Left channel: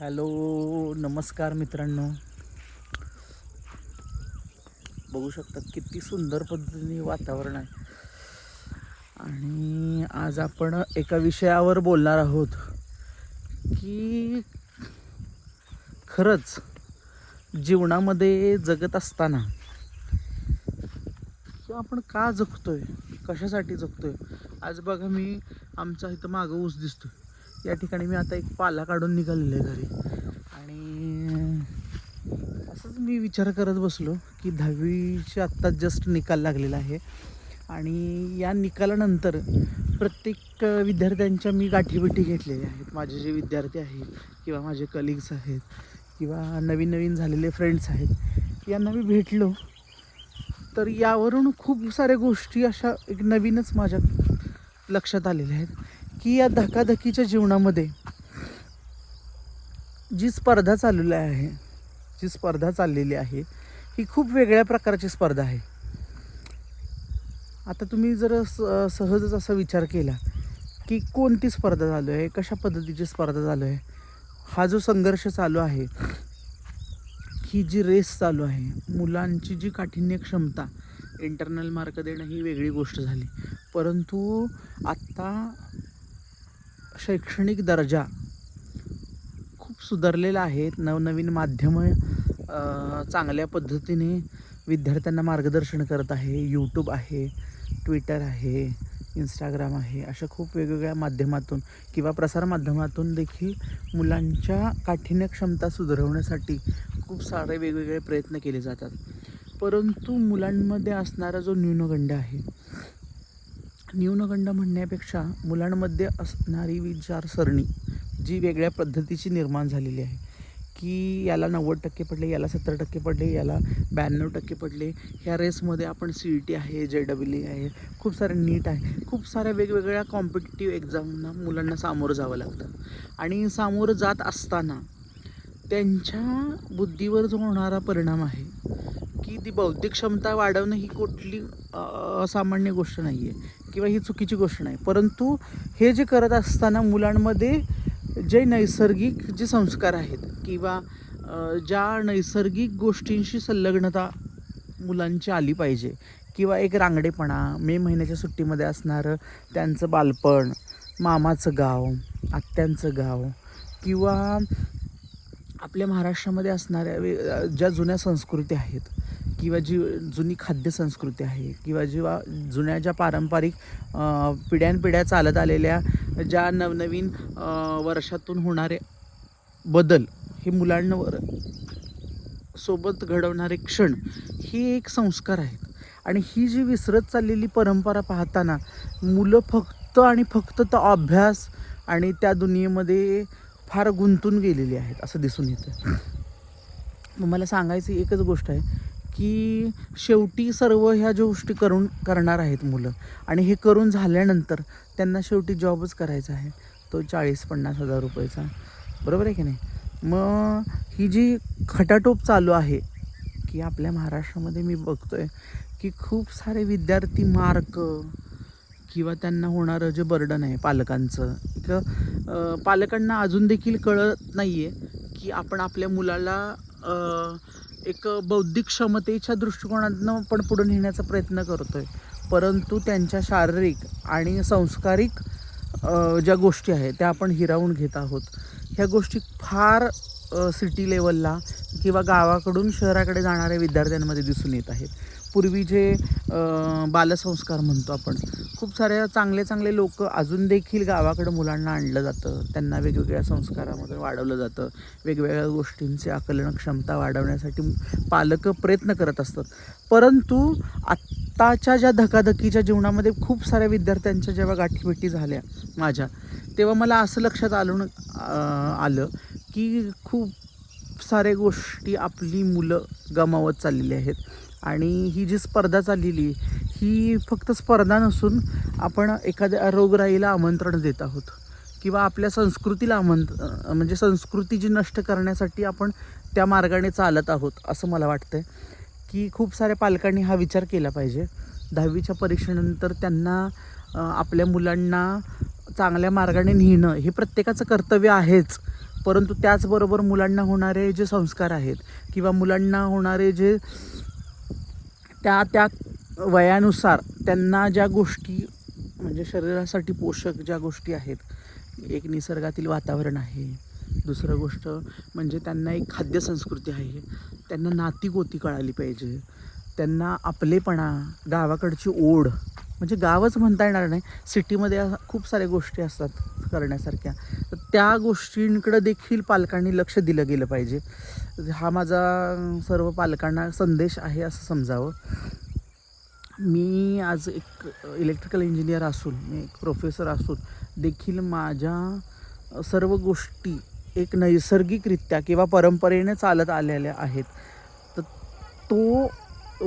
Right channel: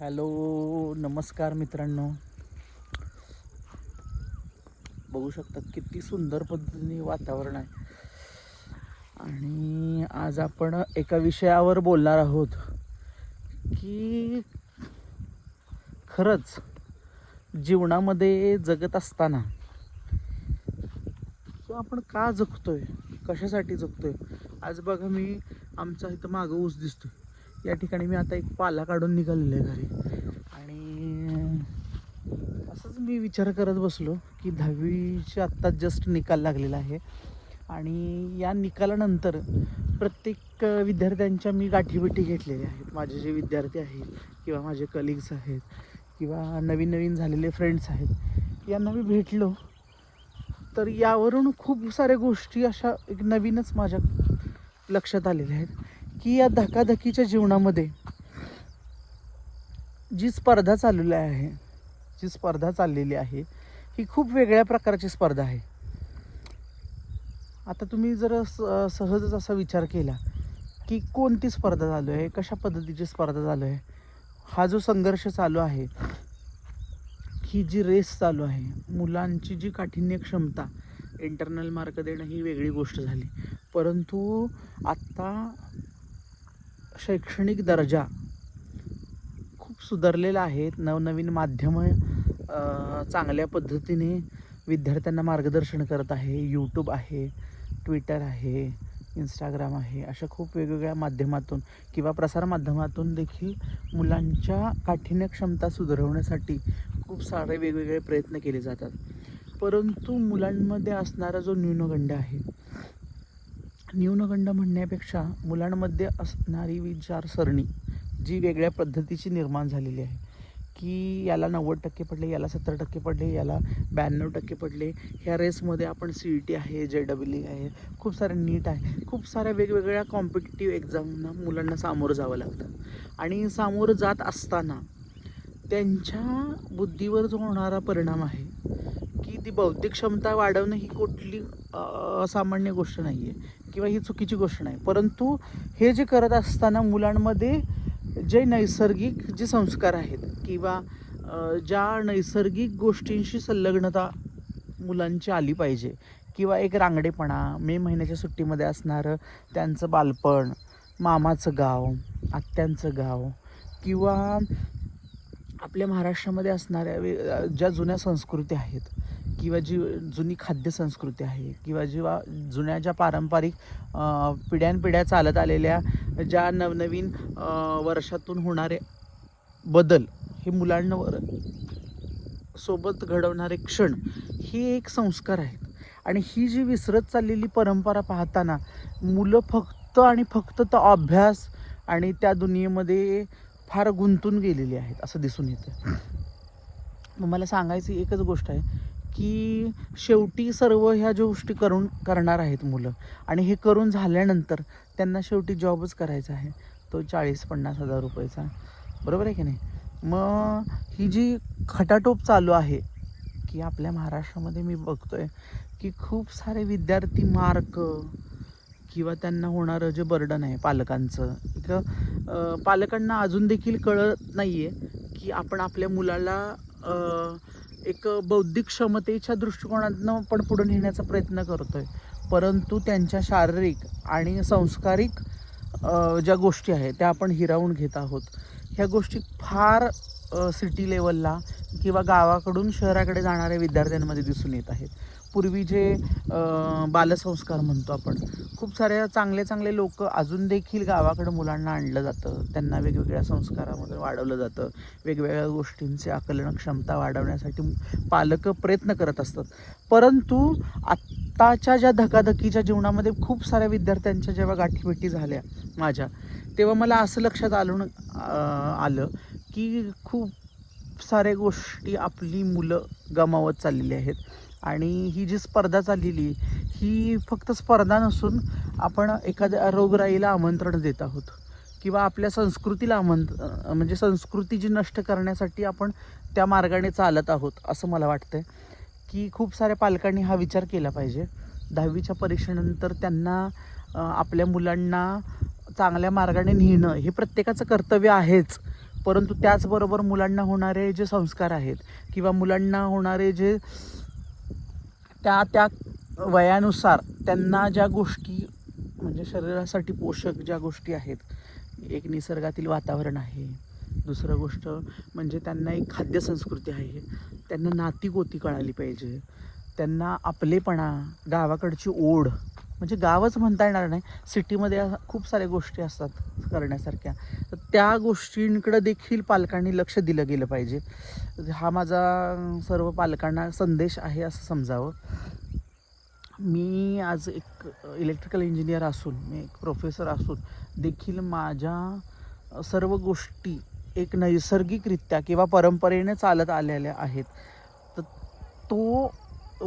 Hello नमस्कार मित्रांनो. बघू शकता किती सुंदर पद्धतीने वातावरण आहे. आणि आज आपण एका विषयावर बोलणार आहोत की खरंच जीवनामध्ये जगत असताना आपण का जगतोय? कशासाठी जगतोय? आज बघा मी आमचा इथं मागं ऊस दिसतोय. या ठिकाणी मी आता एक पाला काढून निघालेलो आहे घरी. आणि असंच मी विचार करत बसलो की दहावीचे आत्ता जस्ट निकाल लागलेला आहे. आणि या निकालानंतर प्रत्येक विद्यार्थ्यांच्या मी गाठीभेटी घेतलेल्या आहेत. माझे जे विद्यार्थी आहेत किंवा माझे कलिग्स आहेत किंवा नवीन नवीन झालेले फ्रेंड्स आहेत यांना मी भेटलो. तर यावरून खूप साऱ्या गोष्टी अशा एक नवीनच माझ्या लक्षात आलेल्या आहेत. की या धकाधकीच्या जीवनामध्ये जी स्पर्धा चाललेली आहे जी स्पर्धा चाललेली आहे ही खूप वेगळ्या प्रकारची स्पर्धा आहे. आता तुम्ही जर स- सहजच असा विचार केला की कोणती स्पर्धा चालू आहे कशा पद्धतीची स्पर्धा चालू आहे हा जो संघर्ष चालू आहे ही जी रेस चालू आहे मुलांची जी काठिण्य क्षमता इंटरनल मार्क देणं ही वेगळी गोष्ट झाली. परंतु आत्ता शैक्षणिक दर्जा खूप सुधारलेला आहे. नवनवीन माध्यमं चांगल्या पद्धतीने विद्यार्थ्यांना मार्गदर्शन करत आहे. यूट्यूब आहे ट्विटर आहे इंस्टाग्राम आहे अशा खूप वेगवेगळ्या माध्यमातून किंवा प्रसारमाध्यमातून देखील मुलांच्या काठिण्य क्षमता सुधारवण्यासाठी खूप सारे वेगवेगळे प्रयत्न केले जातात. परंतु मुलांमध्ये असणारा जो न्यूनगंड आहे न्यूनगंड म्हणण्यापेक्षा मुलांमध्ये असणारी विचारसरणी जी वेगळ्या पद्धतीची निर्माण झालेली आहे. की याला नव्वद टक्के पडले याला सत्तर टक्के पडले याला ब्याण्णव टक्के पडले ह्या रेसमध्ये आपण सी ई टी आहे जे डबल ई आहे खूप सारे नीट आहे. खूप साऱ्या वेगवेगळ्या कॉम्पिटेटिव्ह एक्झामना मुलांना सामोरं जावं लागतं. आणि सामोरं जात असताना त्यांच्या बुद्धीवर जो होणारा परिणाम आहे की ती बौद्धिक क्षमता वाढवणं ही कुठली असामान्य गोष्ट नाही आहे किंवा ही चुकीची गोष्ट नाही. परंतु हे जे करत असताना मुलांमध्ये जे नैसर्गिक जे संस्कार आहेत किंवा ज्या नैसर्गिक गोष्टींशी संलग्नता मुलांची आली पाहिजे किंवा एक रांगडेपणा मे महिन्याच्या सुट्टीमध्ये असणारं त्यांचं बालपण मामाचं गाव आत्यांचं गाव किंवा आपल्या महाराष्ट्रामध्ये असणाऱ्या वे ज्या जुन्या संस्कृती आहेत किंवा जी जुनी खाद्य संस्कृती आहे किंवा जेव्हा जुन्या ज्या पारंपरिक पिढ्यानपिढ्या चालत आलेल्या ज्या नवनवीन वर्षातून होणारे बदल हे मुलांवर सोबत घडवणारे क्षण ही एक संस्कार आहेत. आणि ही जी विसरत चाललेली परंपरा पाहताना मुलं फक्त आणि फक्त तो अभ्यास आणि त्या दुनियेमध्ये फार गुंतून गेलेली आहेत असं दिसून येतं मला सांगायची एकच गोष्ट आहे की शेवटी सर्व ह्या गोष्टी करून करणार आहेत मुलं आणि हे करून झाल्यानंतर त्यांना शेवटी जॉबच करायचा आहे. तो चाळीस पन्नास हजार रुपयाचा. बरोबर आहे की नाही? मग ही जी खटाटोप चालू आहे की आपल्या महाराष्ट्रामध्ये मी बघतो आहे की खूप सारे विद्यार्थी मार्क किंवा त्यांना होणारं जे बर्डन आहे पालकांचं तर पालकांना अजून देखील कळत नाही आहे की आपण आपल्या मुलाला एक बौद्धिक क्षमतेच्या दृष्टिकोनातनं पण पुढे नेण्याचा प्रयत्न करतोय. परंतु त्यांच्या शारीरिक आणि संस्कारिक ज्या गोष्टी आहेत त्या आपण हिरावून घेत आहोत. ह्या गोष्टी फार सिटी लेवलला किंवा गावाकडून शहराकडे जाणाऱ्या विद्यार्थ्यांमध्ये दिसून येत आहेत. पूर्वी जे बालसंस्कार म्हणतो आपण खूप साऱ्या चांगले चांगले लोक अजून देखील गावाकडे मुलांना आणलं जातं. त्यांना वेगवेगळ्या संस्कारामध्ये वाढवलं जातं. वेगवेगळ्या गोष्टींचे आकलन क्षमता वाढवण्यासाठी पालक प्रयत्न करत असतात. परंतु आत्ताच्या ज्या धकाधकीच्या जीवनामध्ये खूप साऱ्या विद्यार्थ्यांच्या जेव्हा गाठीभेटी झाल्या माझ्या तेव्हा मला असं लक्षात आलं आलं की खूप साऱ्या गोष्टी आपली मुलं गमावत चाललेली आहेत. आणि ही जी स्पर्धा चाललेली ही फक्त स्पर्धा नसून आपण एखाद्या रोगराईला आमंत्रण देत आहोत. किंवा आपल्या संस्कृतीला आमंत्र म्हणजे संस्कृती जी नष्ट करण्यासाठी आपण त्या मार्गाने चालत आहोत असं मला वाटतंय. की खूप साऱ्या पालकांनी हा विचार केला पाहिजे. दहावीच्या परीक्षेनंतर त्यांना आपल्या मुलांना चांगल्या मार्गाने नेणं हे प्रत्येकाचं कर्तव्य आहेच. परंतु त्याचबरोबर मुलांना होणारे जे संस्कार आहेत किंवा मुलांना होणारे जे त्या त्या वयानुसार त्यांना ज्या गोष्टी म्हणजे शरीरासाठी पोषक ज्या गोष्टी आहेत एक निसर्गातील वातावरण आहे. दुसरं गोष्ट म्हणजे त्यांना एक खाद्यसंस्कृती आहे. त्यांना नाती गोती कळाली पाहिजे. त्यांना आपलेपणा गावाकडची ओढ म्हणजे गावच म्हणता येणार नाही सिटीमध्ये खूप साऱ्या गोष्टी असतात करण्यासारख्या. तर त्या गोष्टींकडं देखील पालकांनी लक्ष दिलं गेलं पाहिजे. हा माझा सर्व पालकांना संदेश आहे असं समजावं. मी आज एक इलेक्ट्रिकल इंजिनियर असून मी एक प्रोफेसर असून देखील माझ्या सर्व गोष्टी एक नैसर्गिकरित्या किंवा परंपरेने चालत आलेल्या आहेत. तर तो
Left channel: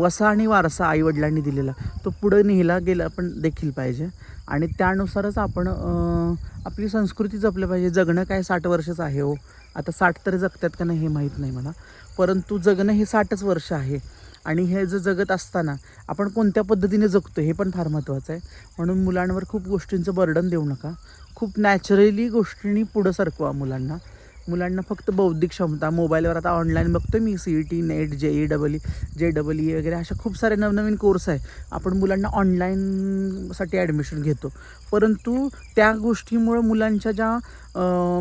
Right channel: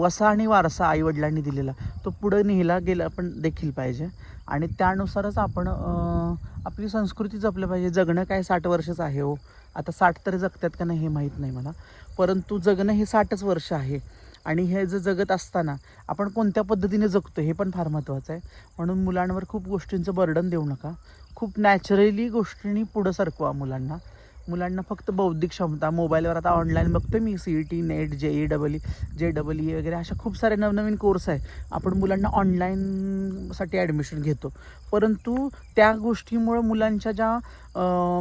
वसा आणि वारसा आईवडिलांनी दिलेला तो पुढे नेला गेला पण देखील पाहिजे. आणि त्यानुसारच आपण आपली संस्कृती जपली पाहिजे. जगणं काय साठ वर्षच आहे हो. आता साठ तरी जगतात का नाही हे माहीत नाही मला. परंतु जगणं हे साठच वर्ष आहे. आणि हे जे जगत असताना आपण कोणत्या पद्धतीने जगतो हे पण फार महत्त्वाचं आहे. म्हणून मुलांवर खूप गोष्टींचं बर्डन देऊ नका. खूप नॅचरली गोष्टींनी पुढं सरकवा मुलांना. मुलांना फक्त बौद्धिक क्षमता मोबाईलवर आता ऑनलाईन बघतो मी C E T net J E double E J double E वगैरे अशा खूप सारे नवनवीन कोर्स आहे. आपण मुलांना ऑनलाईनसाठी ॲडमिशन घेतो. परंतु त्या गोष्टीमुळे मुलांच्या ज्या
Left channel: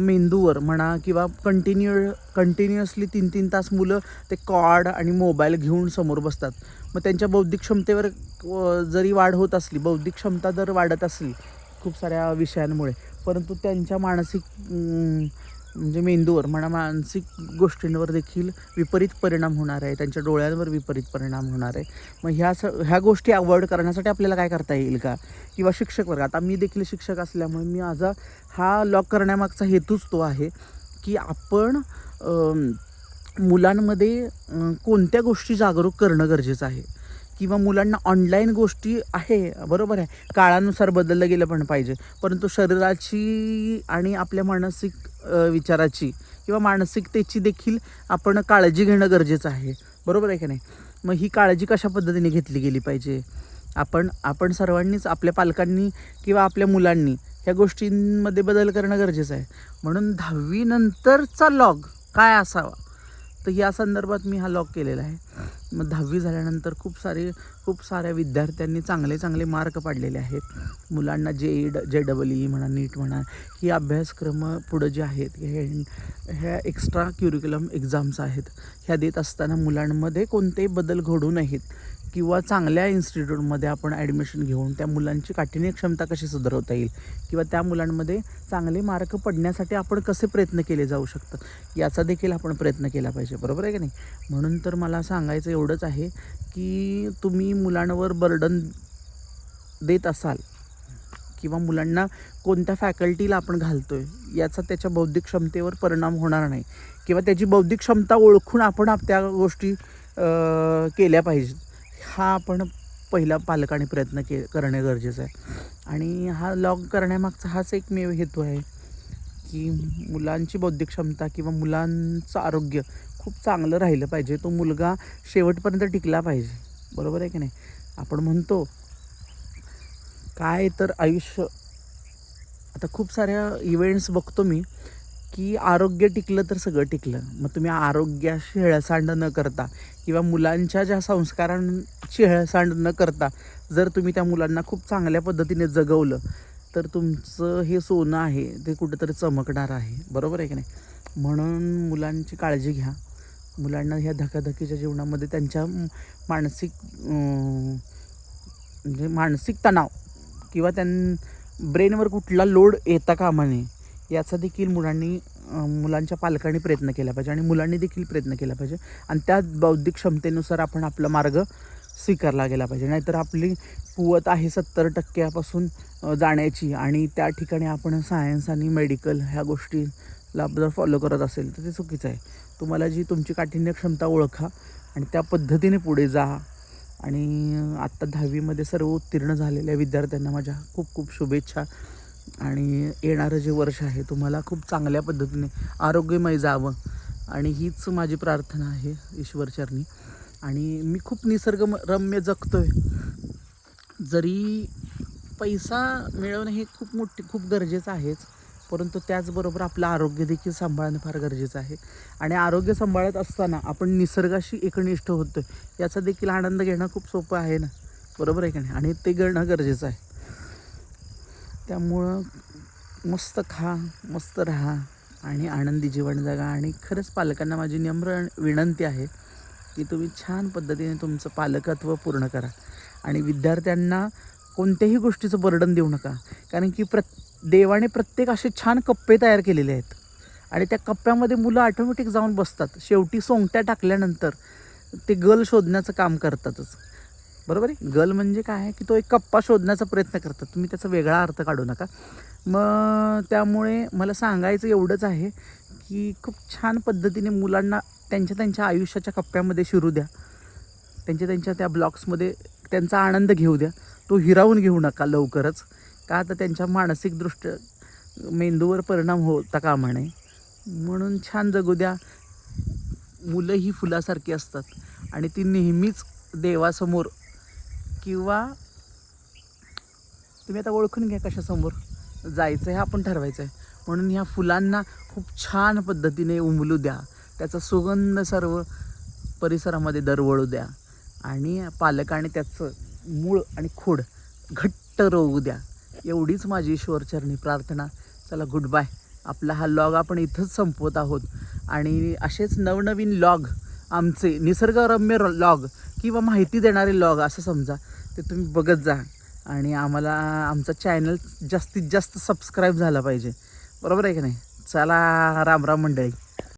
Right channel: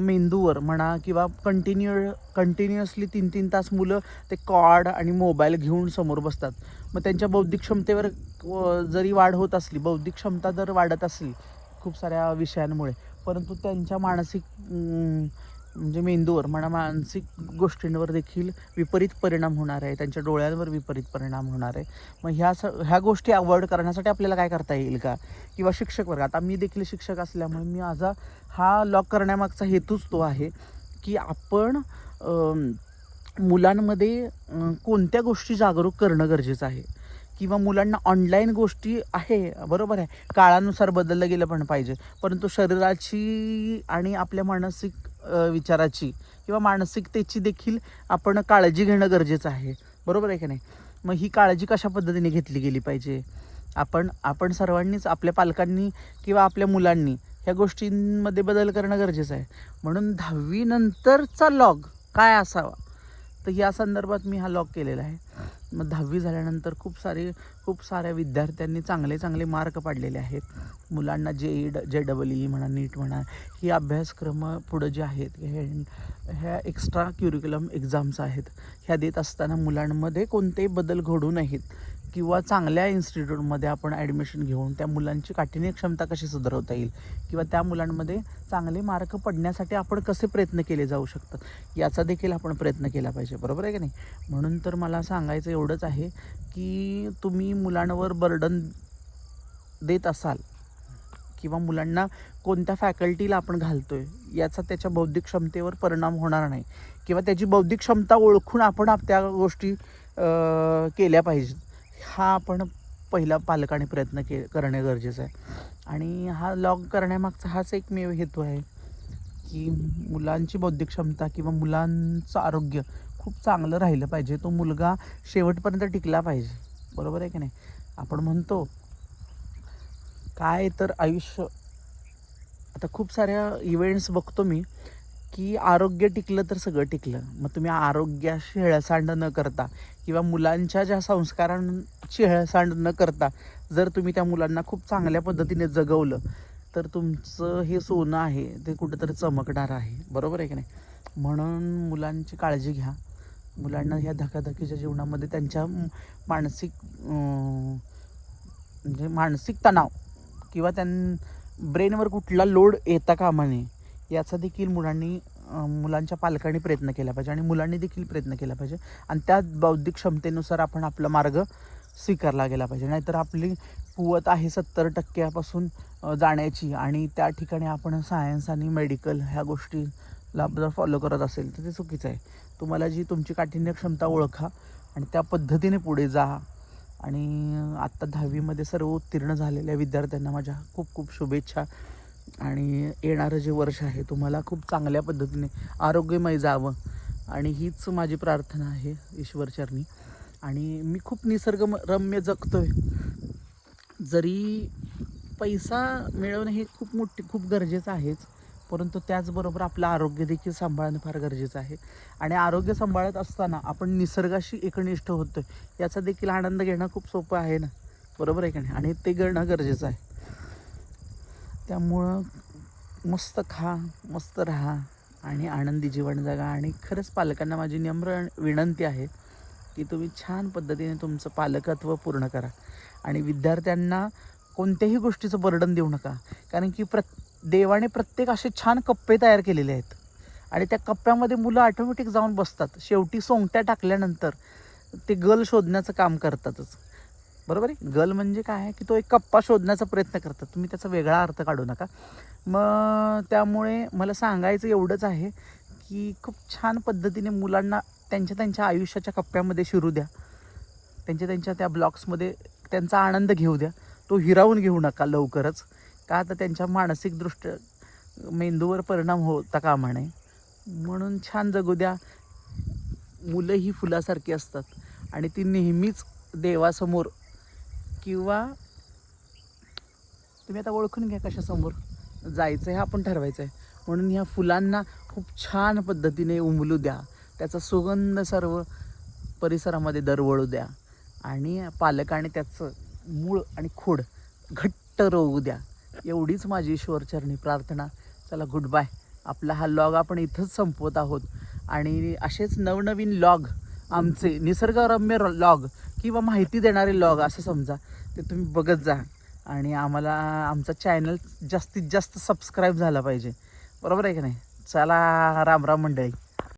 मेंदूवर म्हणा किंवा कंटिन्यू कंटिन्युअसली तीन तीन तास मुलं ते कॉड आणि मोबाईल घेऊन समोर बसतात. मग त्यांच्या बौद्धिक क्षमतेवर जरी वाढ होत असली बौद्धिक क्षमता जर वाढत असली खूप साऱ्या विषयांमुळे परंतु त्यांच्या मानसिक म्हणजे मेंदूवर म्हणा मानसिक गोष्टींवर देखील विपरीत परिणाम होणार आहे. त्यांच्या डोळ्यांवर विपरीत परिणाम होणार आहे. मग ह्या स ह्या गोष्टी अवॉइड करण्यासाठी आपल्याला काय करता येईल का? किंवा शिक्षक वर्ग आता मी देखील शिक्षक असल्यामुळे मी माझा हा लॉक करण्यामागचा हेतूच तो आहे की आपण मुलांमध्ये कोणत्या गोष्टी जागरूक करणं गरजेचं आहे? किंवा मुलांना ऑनलाईन गोष्टी आहे बरोबर आहे. काळानुसार बदललं गेलं पण पाहिजे. परंतु शरीराची आणि आपल्या मानसिक विचाराची किंवा मानसिकतेची देखील आपण काळजी घेणं गरजेचं आहे. बरोबर आहे की नाही? मग ही काळजी कशा पद्धतीने घेतली गेली पाहिजे? आपण आपण सर्वांनीच आपल्या पालकांनी किंवा आपल्या मुलांनी ह्या गोष्टींमध्ये बदल करणं गरजेचं आहे. म्हणून दहावीनंतरचा लॉग काय असावा? तर या संदर्भात मी हा लॉग केलेला आहे. मग दहावी झाल्यानंतर खूप सारे खूप साऱ्या विद्यार्थ्यांनी चांगले चांगले मार्क पाडलेले आहेत. मुलांना जे ई ड जे डबल ई e म्हणा नीट म्हणा ही अभ्यासक्रम पुढं जे आहेत हे ह्या एक्स्ट्रा क्युरिक्युलम एक्झाम्स आहेत. ह्या देत असताना मुलांमध्ये कोणतेही बदल घडू नयेत. किंवा चांगल्या इन्स्टिट्यूटमध्ये आपण ॲडमिशन घेऊन त्या मुलांची काठिण्य क्षमता कशी सुधारवता येईल? किंवा त्या मुलांमध्ये चांगले मार्क पडण्यासाठी आपण कसे प्रयत्न केले जाऊ शकतात? याचा देखील आपण प्रयत्न केला पाहिजे. बरोबर आहे की नाही? म्हणून तर मला सांगायचं एवढंच आहे की तुम्ही मुलांवर बर्डन देत असाल किंवा मुलांना कोणत्या फॅकल्टीला आपण घालतो आहे याचा त्याच्या बौद्धिक क्षमतेवर परिणाम होणार नाही. किंवा त्याची बौद्धिक क्षमता ओळखून आपण त्या गोष्टी केल्या पाहिजेत. हा आपण पहिला पालकाने प्रयत्न के करणे गरजेचं आहे. आणि हा लॉग करण्यामागचा हाच एकमेव हेतू आहे की मुलांची बौद्धिक क्षमता किंवा मुलांचं आरोग्य खूप चांगलं राहिलं पाहिजे. तो मुलगा शेवटपर्यंत टिकला पाहिजे. बरोबर आहे की नाही? आपण म्हणतो काय तर आयुष्य. आता खूप साऱ्या इव्हेंट्स बघतो मी की आरोग्य टिकलं तर सगळं टिकलं. मग तुम्ही आरोग्याशी हेळसांड न करता किंवा मुलांच्या ज्या संस्कारांची हेळसांड न करता जर तुम्ही त्या मुलांना खूप चांगल्या पद्धतीने जगवलं तर तुमचं हे सोनं आहे ते कुठंतरी चमकणार आहे. बरोबर आहे की नाही? म्हणून मुलांची काळजी घ्या. मुलांना ह्या धकाधकीच्या जीवनामध्ये त्यांच्या मानसिक म्हणजे मानसिक तणाव किंवा त्यां ब्रेनवर कुठला लोड येता कामा नये याचा देखील मुलांनी मुलांच्या पालकांनी प्रयत्न केला पाहिजे आणि मुलांनी देखील प्रयत्न केला पाहिजे. आणि त्या बौद्धिक क्षमतेनुसार आपण आपला मार्ग स्वीकारला गेला पाहिजे. नाहीतर आपली कुवत आहे सत्तर टक्क्यापासून जाण्याची आणि त्या ठिकाणी आपण सायन्स आणि मेडिकल ह्या गोष्टीला जर फॉलो करत असेल तर ते चुकीचं आहे. तुम्हाला जी तुमची काठिण्य क्षमता ओळखा आणि त्या पद्धतीने पुढे जा. आणि आत्ता दहावीमध्ये सर्व उत्तीर्ण झालेल्या विद्यार्थ्यांना माझ्या खूप खूप शुभेच्छा. आणि येणारं जे वर्ष आहे तुम्हाला खूप चांगल्या पद्धतीने आरोग्यमय जावं. आणि हीच माझी प्रार्थना आहे ईश्वरचरणी. आणि मी खूप निसर्गरम्य जगतोय. जरी पैसा मिळवणं हे खूप मोठी खूप गरजेचं आहेच. परंतु त्याचबरोबर आपलं आरोग्य देखील सांभाळणं फार गरजेचं आहे. आणि आरोग्य सांभाळत असताना आपण निसर्गाशी एकनिष्ठ होतो याचा देखील आनंद घेणं खूप सोपं आहे ना? बरोबर आहे का नाही? आणि ते घेणं गरजेचं आहे. त्यामुळं मस्त खा मस्त राहा आणि आनंदी जीवन जगा. आणि खरंच पालकांना माझी नम्र विनंती आहे की तुम्ही छान पद्धतीने तुमचं पालकत्व पूर्ण करा. आणि विद्यार्थ्यांना कोणत्याही गोष्टीचं बर्डन देऊ नका. कारण की प्र देवाने प्रत्येक असे छान कप्पे तयार केलेले आहेत. आणि त्या कप्प्यामध्ये मुलं ऑटोमॅटिक जाऊन बसतात. शेवटी सोंगट्या टाकल्यानंतर ते गल शोधण्याचं काम करतातच. बरोबर आहे? गल म्हणजे काय आहे? की तो एक कप्पा शोधण्याचा प्रयत्न करतात. तुम्ही त्याचा वेगळा अर्थ काढू नका. मग त्यामुळे मला सांगायचं एवढंच आहे की खूप छान पद्धतीने मुलांना त्यांच्या त्यांच्या आयुष्याच्या कप्प्यामध्ये शिरू द्या. त्यांच्या त्यांच्या त्या ब्लॉक्समध्ये त्यांचा आनंद घेऊ द्या. तो हिरावून घेऊ नका लवकरच. का तर त्यांच्या मानसिकदृष्ट्या मेंदूवर परिणाम होता कामा नये. म्हणून छान जगू द्या. मुलं ही फुलासारखी असतात. आणि ती नेहमीच देवासमोर किंवा तुम्ही आता ओळखून घ्या कशासमोर जायचं आहे आपण ठरवायचं आहे. म्हणून ह्या फुलांना खूप छान पद्धतीने उमलू द्या. त्याचा सुगंध सर्व परिसरामध्ये दरवळू द्या. आणि पालकाने त्याचं मूळ आणि खोड घट्ट रोवू द्या. एवढीच माझी ईश्वरचरणी प्रार्थना. चला गुड बाय आपला हा लॉग आपण इथंच संपवत आहोत. आणि असेच नवनवीन लॉग आमचे निसर्गरम्य लॉग किंवा माहिती देणारे लॉग असं समजा ते तुम्ही बघत जा. आणि आम्हाला आमचा चॅनल जास्तीत जास्त सबस्क्राईब झाला पाहिजे. बरोबर आहे की नाही? चला राम राम मंडळी.